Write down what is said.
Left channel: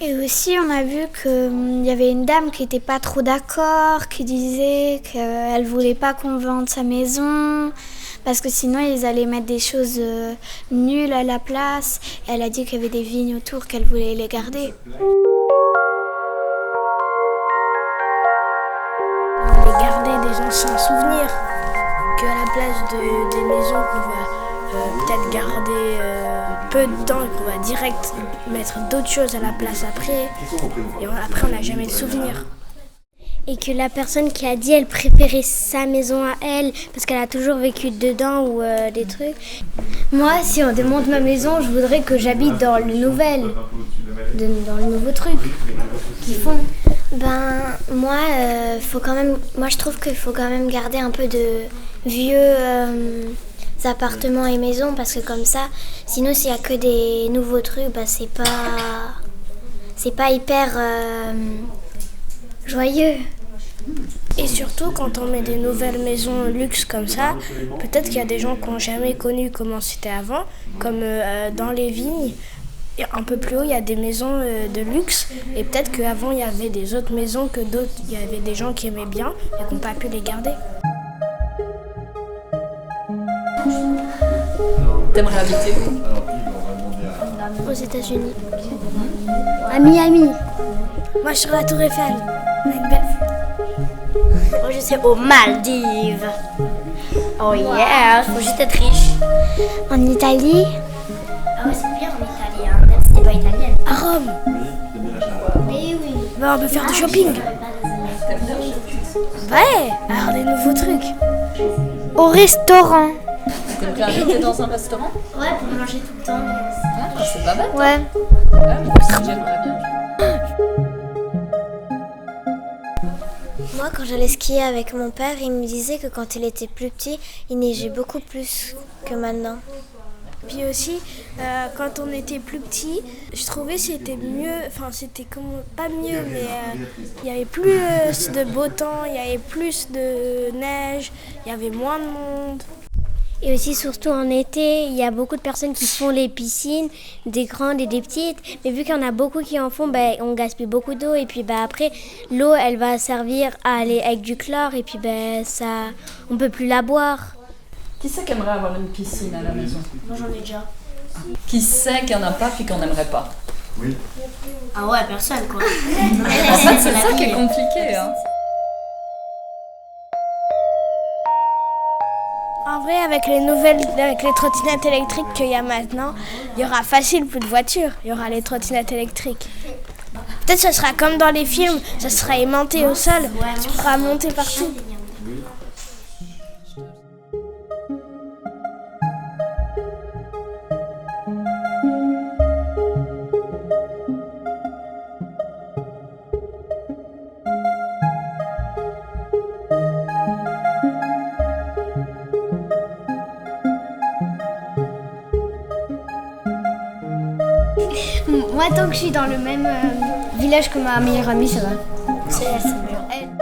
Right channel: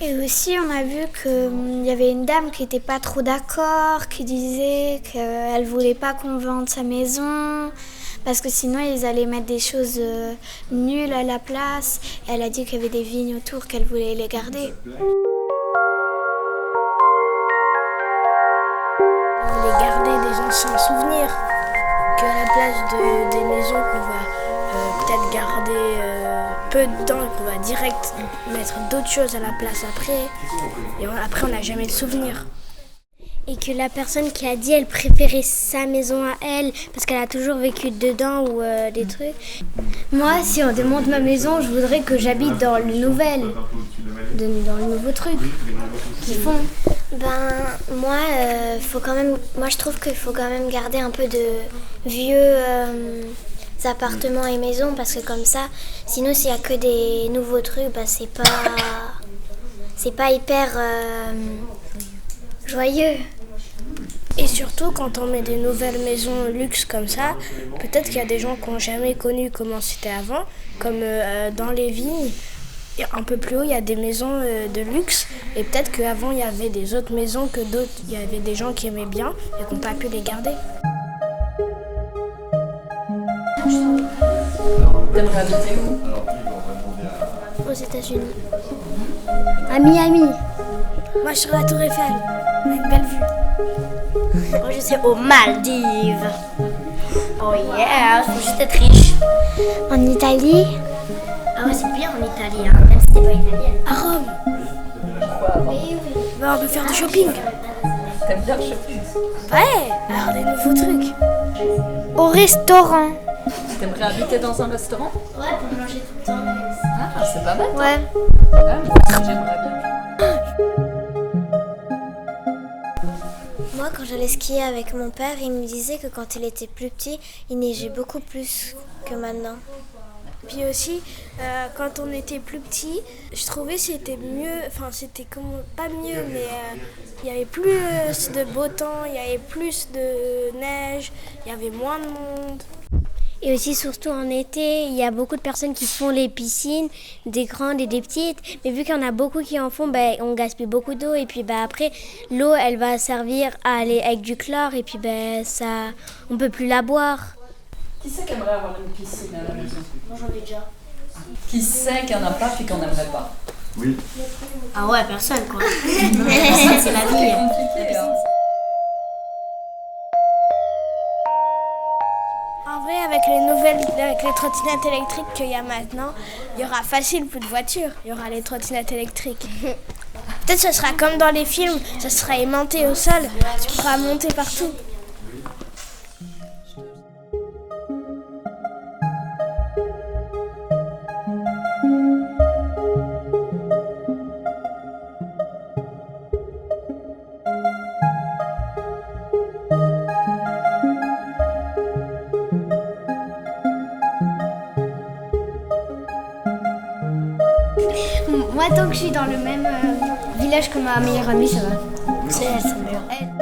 Et aussi, on a vu qu'il y avait une dame qui n'était pas trop d'accord, qui disait qu'elle ne voulait pas qu'on vende sa maison, parce que sinon, ils allaient mettre des choses nulles à la place. Et elle a dit qu'il y avait des vignes autour, qu'elle voulait les garder. On voulait garder des anciens souvenirs, qu'à la place des maisons qu'on va peut-être garder peu de temps et qu'on va direct mettre d'autres choses à la place après. Et après, on n'a jamais le souvenir. Et que la personne qui a dit elle préférait sa maison à elle parce qu'elle a toujours vécu dedans ou des trucs. Moi, si on démonte ma maison, je voudrais que j'habite dans le nouvel, dans le nouveau truc qu'ils font. Moi, moi je trouve qu'il faut quand même garder un peu de vieux appartements et maisons parce que comme ça, sinon s'il y a que des nouveaux trucs, c'est pas hyper joyeux. Et surtout, quand on met des nouvelles maisons luxe comme ça, peut-être qu'il y a des gens qui n'ont jamais connu comment c'était avant, comme dans les vignes. Et un peu plus haut, il y a des maisons de luxe. Et peut-être qu'avant, il y avait des autres maisons que d'autres. Il y avait des gens qui aimaient bien et qui n'ont pas pu les garder. T'aimerais habiter où? Aux États-Unis. À Miami. Moi, sur la Tour Eiffel, avec belle vue. Moi, je sais aux Maldives. Oh yeah, faut juste être riche. En Italie, Ah ouais, c'est bien en Italie, hein, même si t'es pas italienne. À Rome. On peut faire du shopping. T'aimes bien le shopping? Ouais, alors des nouveaux trucs. au restaurant. T'aimerais habiter dans un restaurant? Ouais, pour manger tout le temps. Ah, c'est pas bête. Ouais. Ah, moi aussi, j'aimerais bien. Moi, quand j'allais skier avec mon père, il me disait que quand il était plus petit, il neigeait beaucoup plus que maintenant. Puis aussi, quand on était plus petit, je trouvais que c'était mieux, enfin c'était pas mieux, mais il y avait plus de beau temps, il y avait plus de neige, il y avait moins de monde. Et aussi, surtout en été, il y a beaucoup de personnes qui font les piscines, des grandes et des petites. Mais vu qu'il y en a beaucoup qui en font, on gaspille beaucoup d'eau. Et puis après, l'eau, elle va servir à aller avec du chlore. Et puis on ne peut plus la boire. Qui c'est qui aimerait avoir une piscine à la maison? Moi, j'en ai déjà. Qui sait qu'il n'y en a pas puis qu'on n'aimerait pas? Oui. Ah ouais, personne, quoi. C'est ça qui est compliqué. Hein. En vrai, avec les trottinettes électriques qu'il y a maintenant, il y aura facile plus de voitures. Il y aura les trottinettes électriques. Peut-être que ce sera comme dans les films, ça sera aimanté au sol, tu pourras monter partout. Moi, tant que je suis dans le même village que ma meilleure amie, ça va. C'est mieux.